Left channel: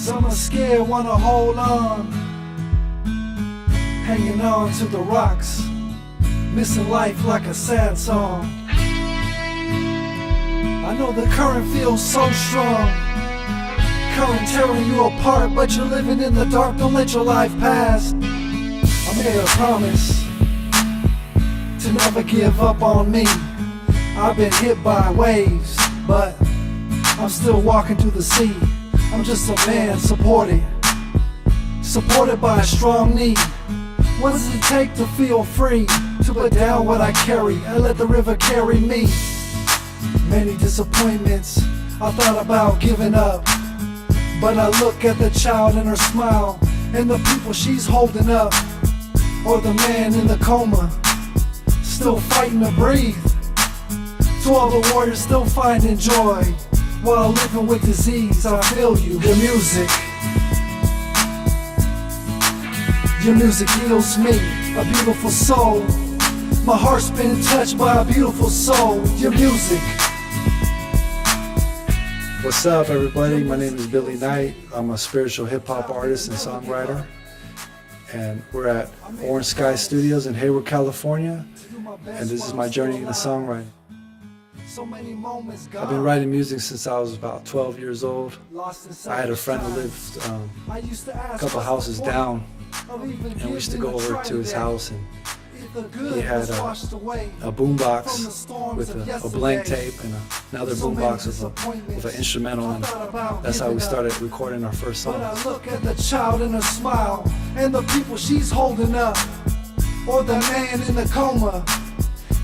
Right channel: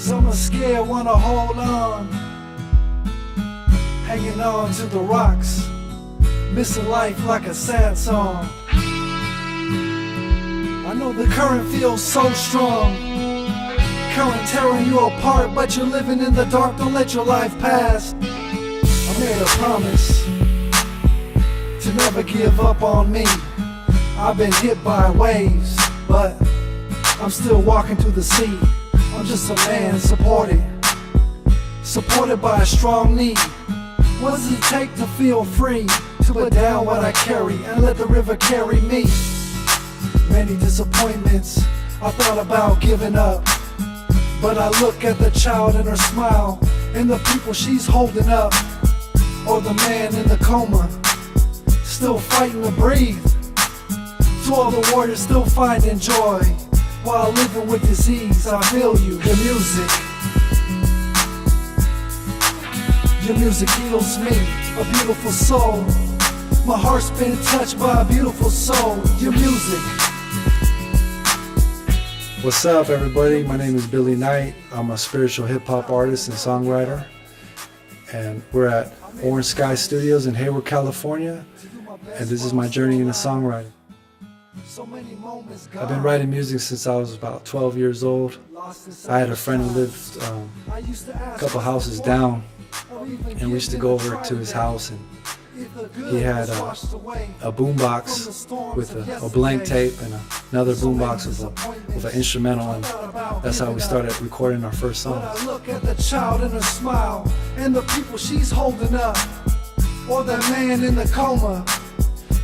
Some are scared, wanna hold on, hanging on to the rocks, missing life like a sad song. I know the current feels so strong, current tearing you apart, but you're living in the dark, don't let your life pass. I made a promise to never give up on me. I've been hit by waves, but I'm still walking through the sea. I'm just a man supported by a strong need. What does it take to feel free? To put down what I carry and let the river carry me. Many disappointments, I thought about giving up, but I look at the child and her smile, and the people she's holding up, or the man in the coma, still fighting to breathe. To all the warriors still finding joy while living with disease, I feel you. Your music heals me, a beautiful soul. My heart's been touched by a beautiful soul. Your music. What's up, everybody? My name is Billy Knight. I'm a spiritual hip-hop artist and songwriter, and we're at Orange Sky Studios in Hayward, California, and this is my journey into songwriting. I've been writing music since I was about 12 years old. I had a friend who lived a couple houses down, and we used to go over to his house, and he had a boombox with a blank tape and another boombox with an instrumental, and that's how we started recording our first song. I look at the child and her smile, and the people she's holding up, or the man in the coma,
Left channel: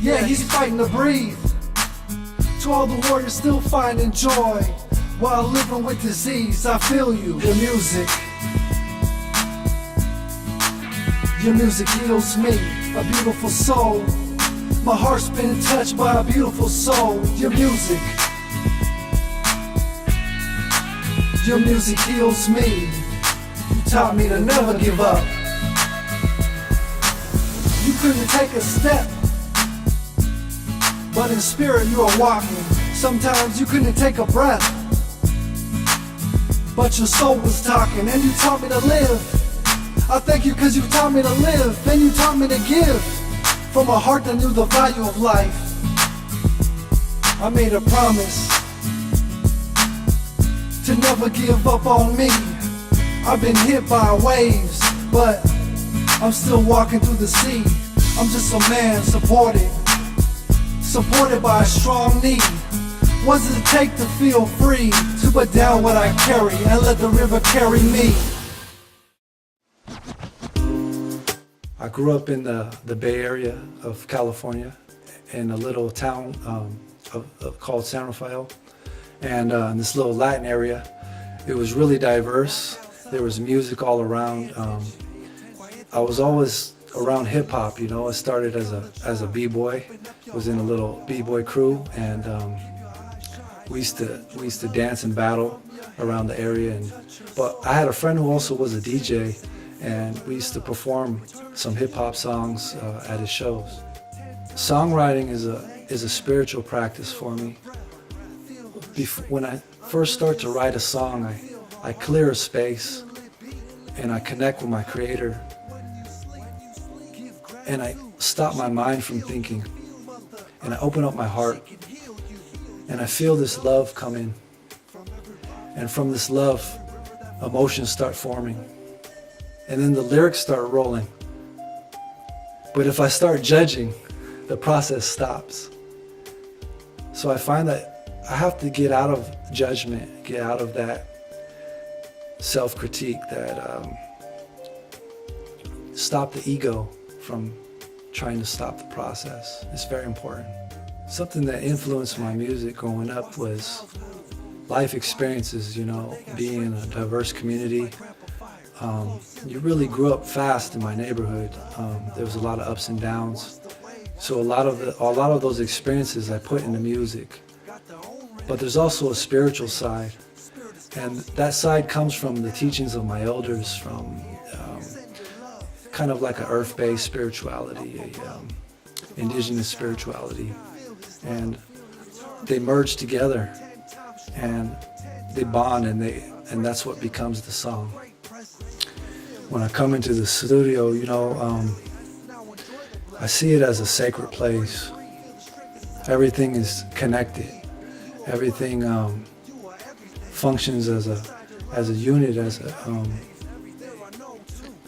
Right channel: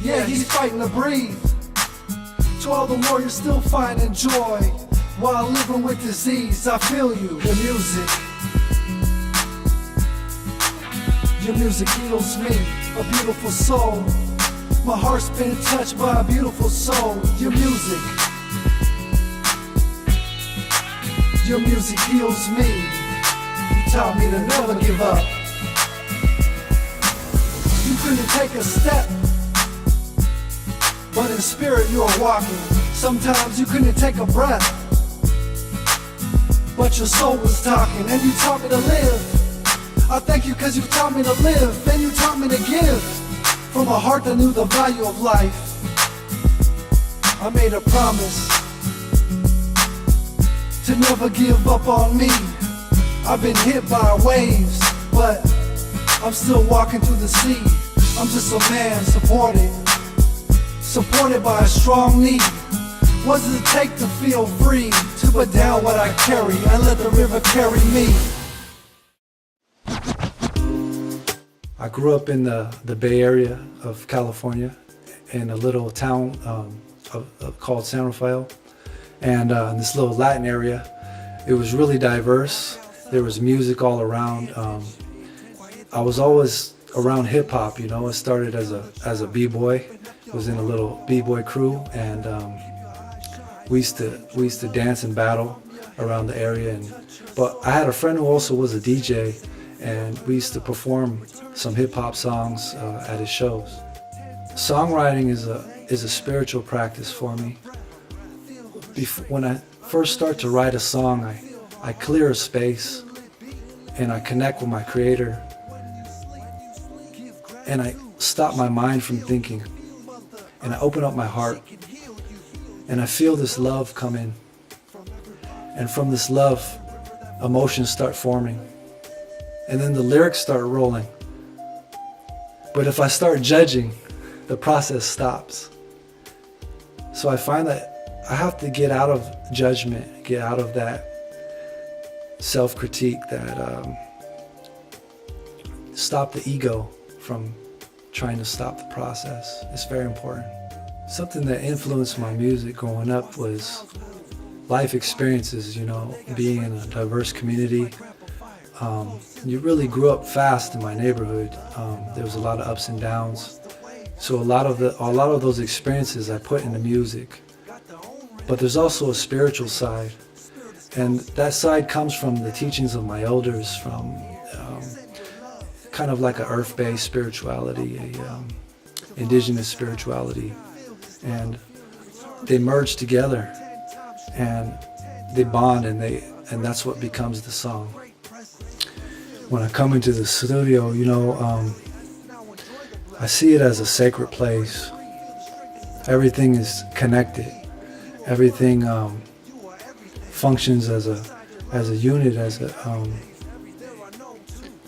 yeah, he's fighting to breathe. To all the warriors still finding joy while living with disease, I feel you. Your music heals me, a beautiful soul. My heart's been touched by a beautiful soul. Your music heals me. You taught me to never give up. You couldn't take a step, but in spirit you are walking. Sometimes you couldn't take a breath, but your soul was talking, and you taught me to live. I thank you because you taught me to live, and you taught me to give from a heart that knew the value of life. I made a promise to never give up on me. I've been hit by waves, but I'm still walking through the sea. I'm just a man supported by a strong need. What does it take to feel free? To put down what I carry and let the river carry me. I grew up in the Bay Area of California, in a little town called San Rafael, and in this little Latin area. It was really diverse. There was music all around. I was always around hip-hop, you know. I started as a b-boy. I was in a little b-boy crew, and we used to dance and battle around the area. But I had a friend who also was a DJ, and we used to perform some hip-hop songs at his shows. Songwriting is a spiritual practice for me. When I first start to write a song, I clear a space, and I connect with my creator, and I stop my mind from thinking, and I open up my heart, and I feel this love come in, and from this love, emotions start forming, and then the lyrics start rolling. But if I start judging, the process stops. So I find that I have to get out of judgment, get out of that self-critique, that stop the ego from trying to stop the process. It's very important. Something that influenced my music growing up was life experiences, you know, being in a diverse community. You really grew up fast in my neighborhood. There was a lot of ups and downs. So a lot of those experiences I put into music. But there's also a spiritual side, and that side comes from the teachings of my elders, from kind of like an earth-based spirituality, indigenous spirituality, and they merge together and they bond, and and that's what becomes the song. When I come into the studio, I see it as a sacred place. Everything is connected. Everything functions as a unit, as a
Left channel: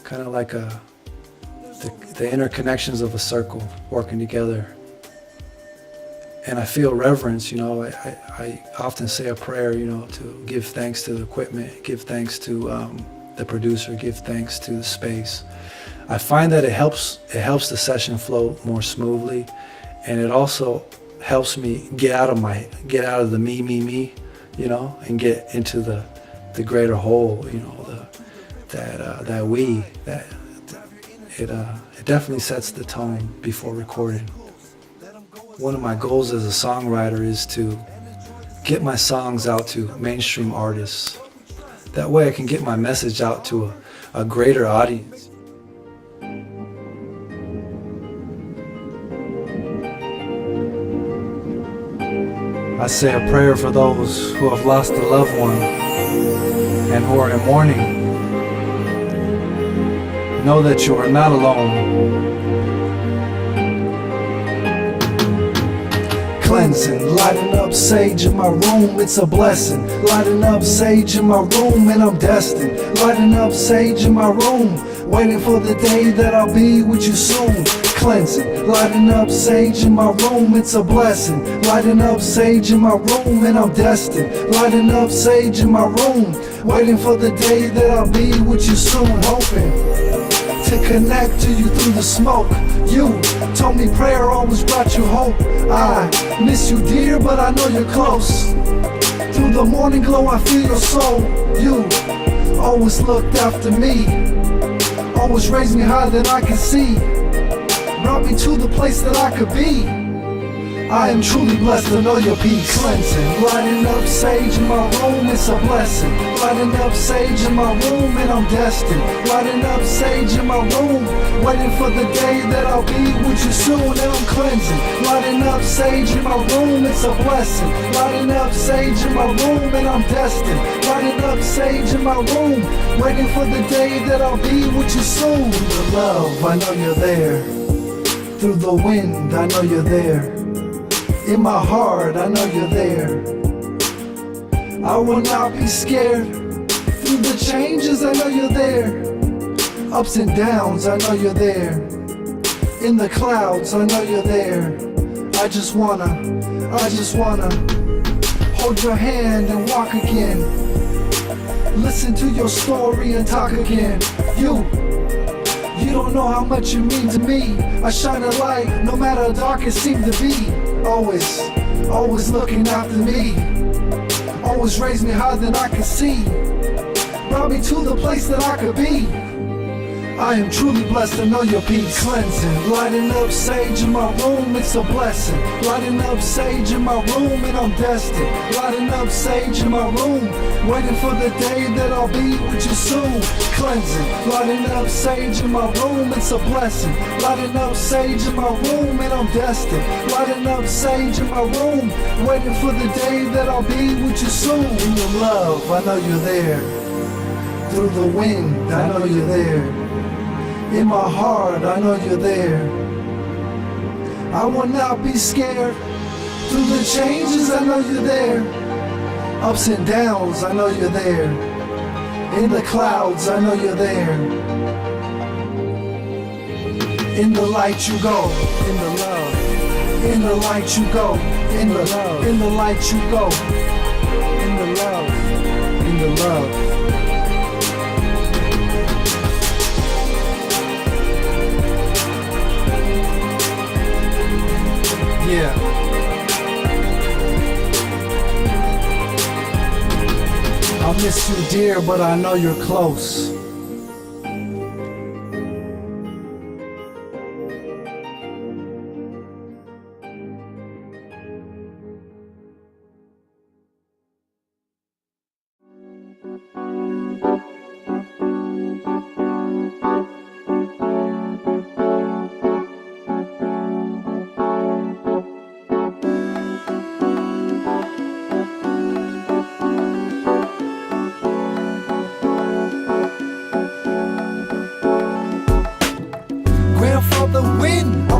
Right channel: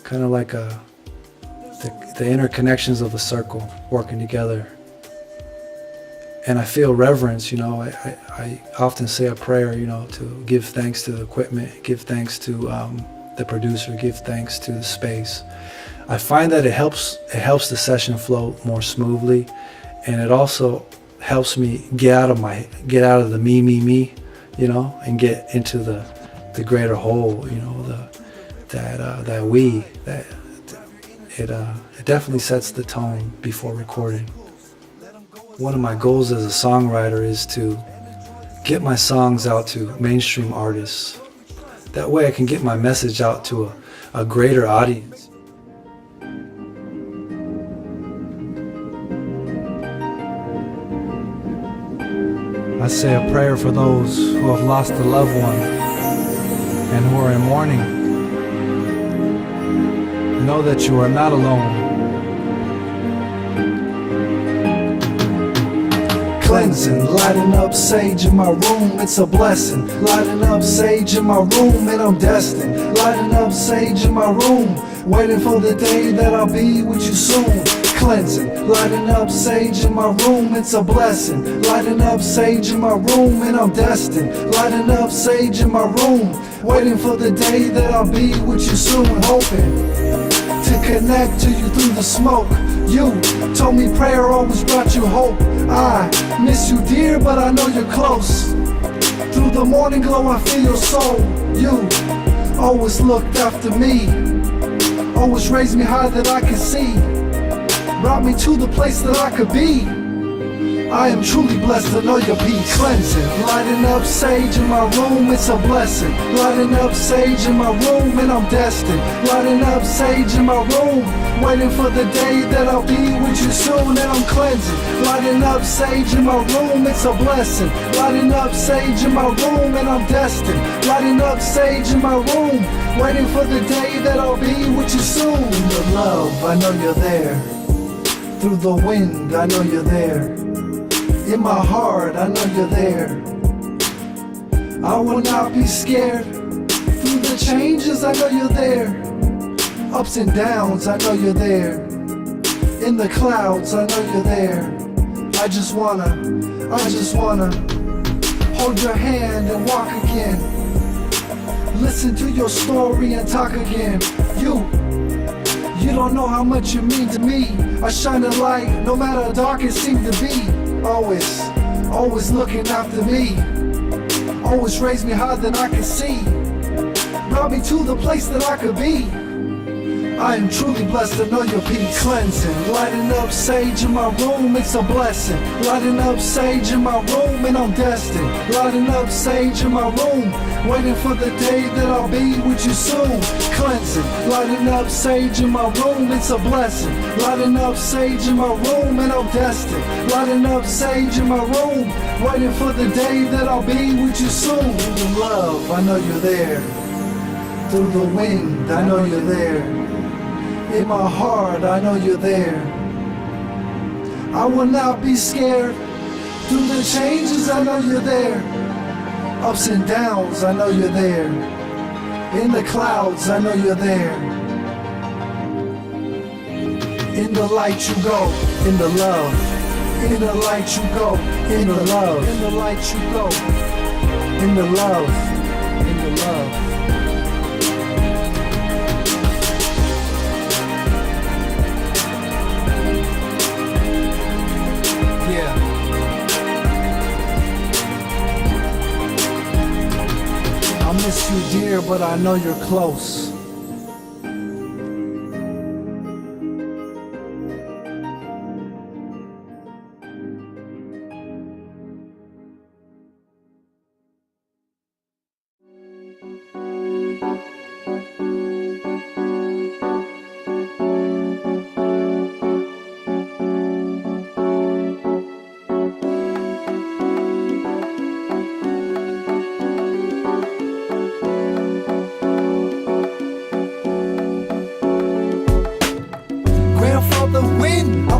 kind of like the interconnections of a circle working together. And I feel reverence, I often say a prayer, to give thanks to the equipment, give thanks to the producer, give thanks to the space. I find that it helps the session flow more smoothly, and it also helps me get out of the me, and get into the greater whole, it definitely sets the tone before recording. One of my goals as a songwriter is to get my songs out to mainstream artists. That way I can get my message out to a greater audience. I say a prayer for those who have lost a loved one and who are in mourning. Know that you are not alone. Cleansing, lighting up sage in my room, it's a blessing. Lighting up sage in my room, and I'm destined. Lighting up sage in my room, waiting for the day that I'll be with you soon. Cleansing, lighting up sage in my room, it's a blessing. Lighting up sage in my room, and I'm destined. Lighting up sage in my room, waiting for the day that I'll be with you soon. Hoping to connect to you through the smoke. You told me prayer always brought you hope. I miss you dear, but I know you're close. Through the morning glow I feel your soul. You always looked after me, always raised me high that I could see, brought me to the place that I could be. I am truly blessed to know your peace. Cleansing, lighting up sage in my room, it's a blessing. Lighting up sage in my room, and I'm destined. Lighting up sage in my room, waiting for the day that I'll be with you soon. And I'm cleansing, lighting up sage in my room, it's a blessing. Lighting up sage in my room, and I'm destined. Lighting up sage in my room, waiting for the day that I'll be with you soon. The love, I know you're there. Through the wind, I know you're there. In my heart, I know you're there. I will not be scared. Through the changes, I know you're there. Ups and downs, I know you're there. In the clouds, I know you're there. I just wanna hold your hand and walk again. Listen to your story and talk again. You don't know how much you mean to me. I shine a light, no matter how dark it seemed to be. Always looking after me. Always raised me higher than I could see. Brought me to the place that I could be. I am truly blessed to know your peace. Cleansing, lighting up sage in my room, it's a blessing. Lighting up sage in my room, and I'm destined. Lighting up sage in my room, waiting for the day that I'll be with you soon. Cleansing, lighting up sage in my room, it's a blessing. Lighting up sage in my room, and I'm destined. Lighting up sage in my room, waiting for the day that I'll be with you soon. In the love, I know you're there. Through the wind, I know you're there. In my heart, I know you're there. I will not be scared. Through the changes, I know you're there. Ups and downs, I know you're there. In the clouds, I know you're there. In the light you go, in the love. In the light you go, in the love. In the light you go, in the love. In the love. Yeah. I miss you dear, but I know you're close.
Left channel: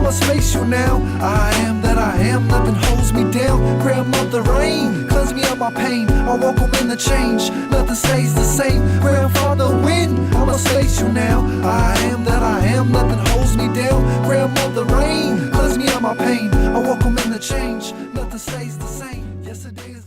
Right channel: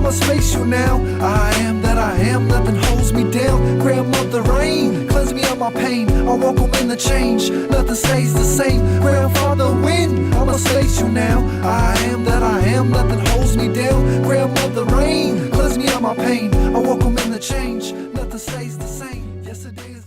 must face you now. I am that I am, nothing holds me down. Grandmother rain, cleanse me of my pain. I welcome in the change, nothing stays the same. Grandfather wind, I must face you now. I am that I am, nothing holds me down. Grandmother rain, cleanse me of my pain. I welcome in the change, nothing stays the same. Yesterday is